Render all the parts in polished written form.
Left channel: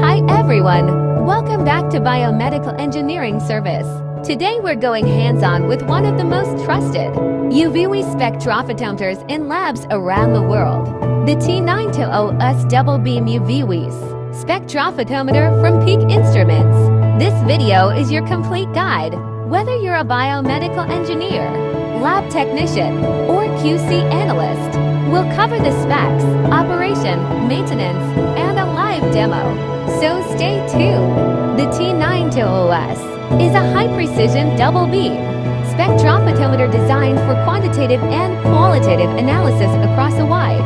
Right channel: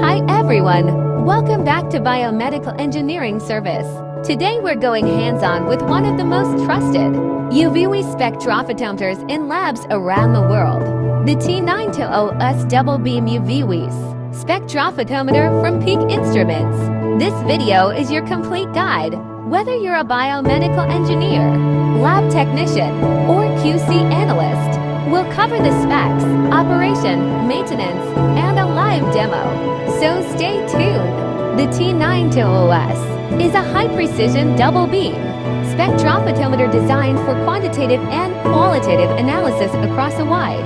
Hi everyone! Welcome back to Biomedical Engineering Service. Today we're going hands-on with one of the most trusted UV spectrophotometers in labs around the world. The T-9200S double beam UV spectrophotometer from Peak Instruments. This video is your complete guide. Whether you're a biomedical engineer, lab technician, or QC analyst, we'll cover the specs, operation, maintenance, and a live demo. So stay tuned. The T-9200S is a high-precision double-beam spectrophotometer designed for quantitative and qualitative analysis across a wide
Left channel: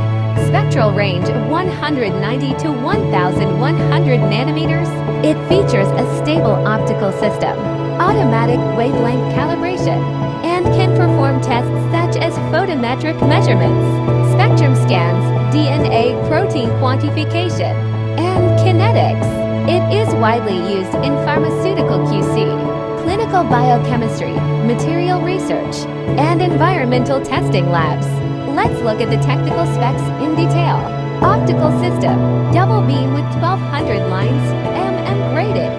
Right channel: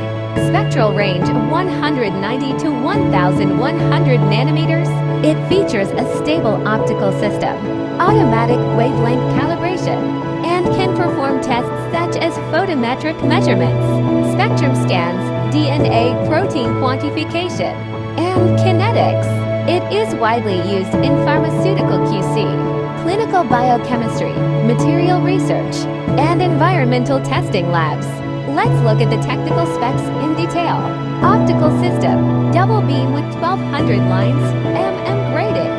spectral range of 190 to 1,100 nanometers. It features a stable optical system, automatic wavelength calibration, and can perform tests such as photometric measurements, spectrum scans, DNA protein quantification, and kinetics. It is widely used in pharmaceutical QC, clinical biochemistry, material research, and environmental testing labs. Let's look at the technical specs in detail. Optical system, double beam with 1200 lines, graded.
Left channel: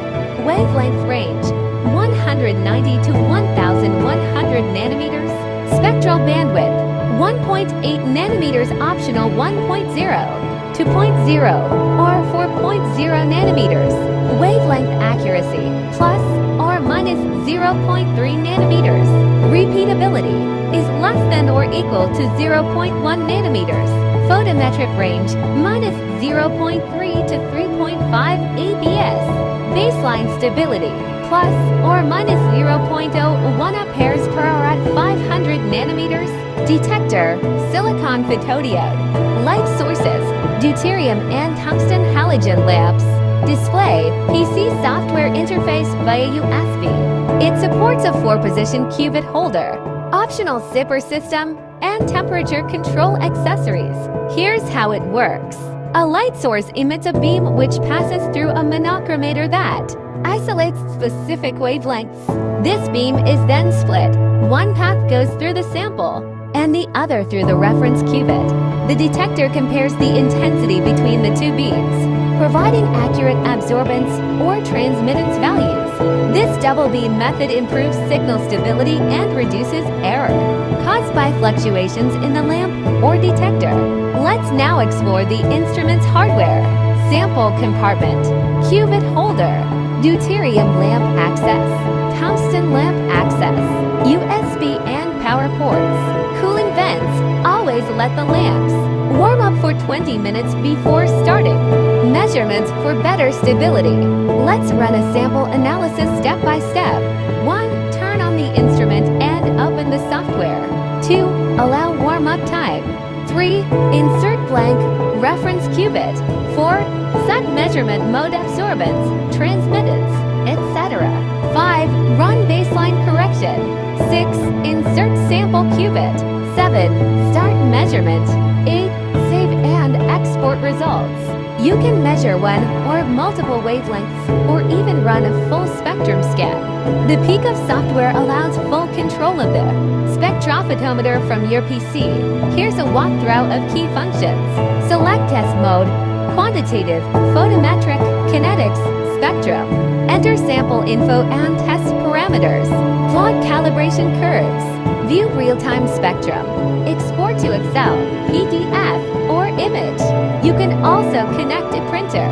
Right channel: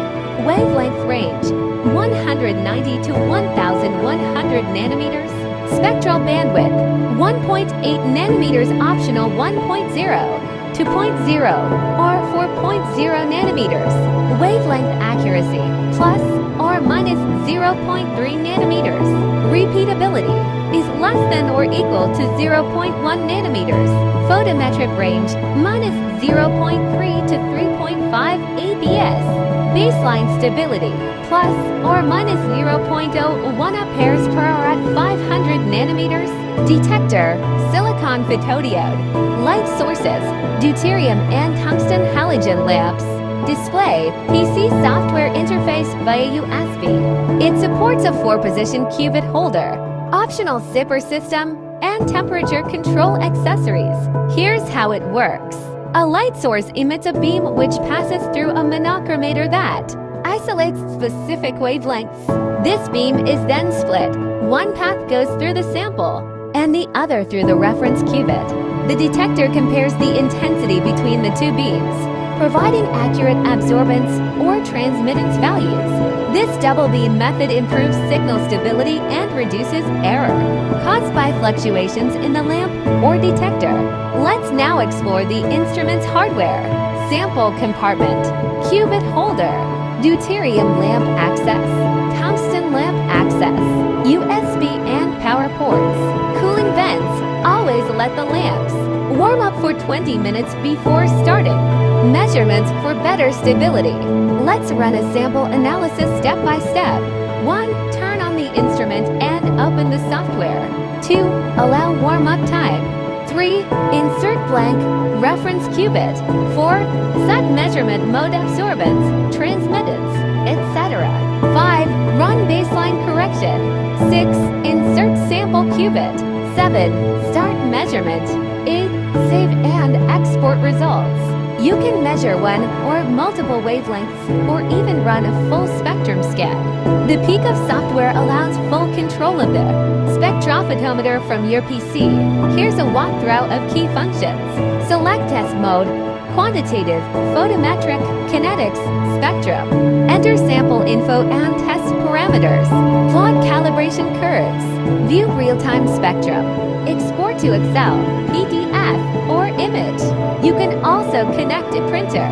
Wavelength range, 190 to 1,100 nanometers. Spectral bandwidth, 1.8 nanometers optional 1.0 to 0.0 or 4.0 nanometers. Wavelength accuracy, plus or minus 0.3 nanometers. Repeatability is less than or equal to 0.1 nanometers. Photometric range, minus 0.3 to 3.5 ABS. Baseline stability, plus or minus 0.01 amperes per hour at 500 nanometers. Detector, silicon photodiode. Light sources, deuterium and tungsten halogen lamps. Display, PC software interface via USB. It supports a 4-position cuvette holder, optional zipper system, and temperature control accessories. Here's how it works. A light source emits a beam which passes through a monochromator that isolates specific wavelengths. This beam is then split. One path goes through the sample, and the other through the reference cuvette. The detector compares the intensity between the two beams, providing accurate absorbance or transmittance values. This double beam method improves signal stability and reduces error caused by fluctuations in the lamp or detector. Let's now explore the instrument's hardware. Sample compartment, cuvette holder, deuterium lamp access, tungsten lamp access, USB and power ports, cooling vents. Always let the lamps warm up for 20 minutes before starting. Measurements for better stability. Let's run a sample analysis step by step. 1. Turn on the instrument and open the software. 2. Allow warm-up time. 3. Insert blank reference cuvette. 4. Set measurement mode absorbance, transmittance, etc. 5. Run baseline correction. 6. Insert sample cuvette. 7. Start measurement. 8. Save and export results. You can measure one or multiple wavelengths or even run a full spectrum scan. The Peak of software allows full control of the spectrophotometer from your PC. Here's a walkthrough of key functions. Select test mode, quantitative, photometric, kinetics, spectrum. Enter sample info and test parameters. Plot calibration curves. View real-time spectrum. Export to Excel, PDF, or image. You can also connect a printer.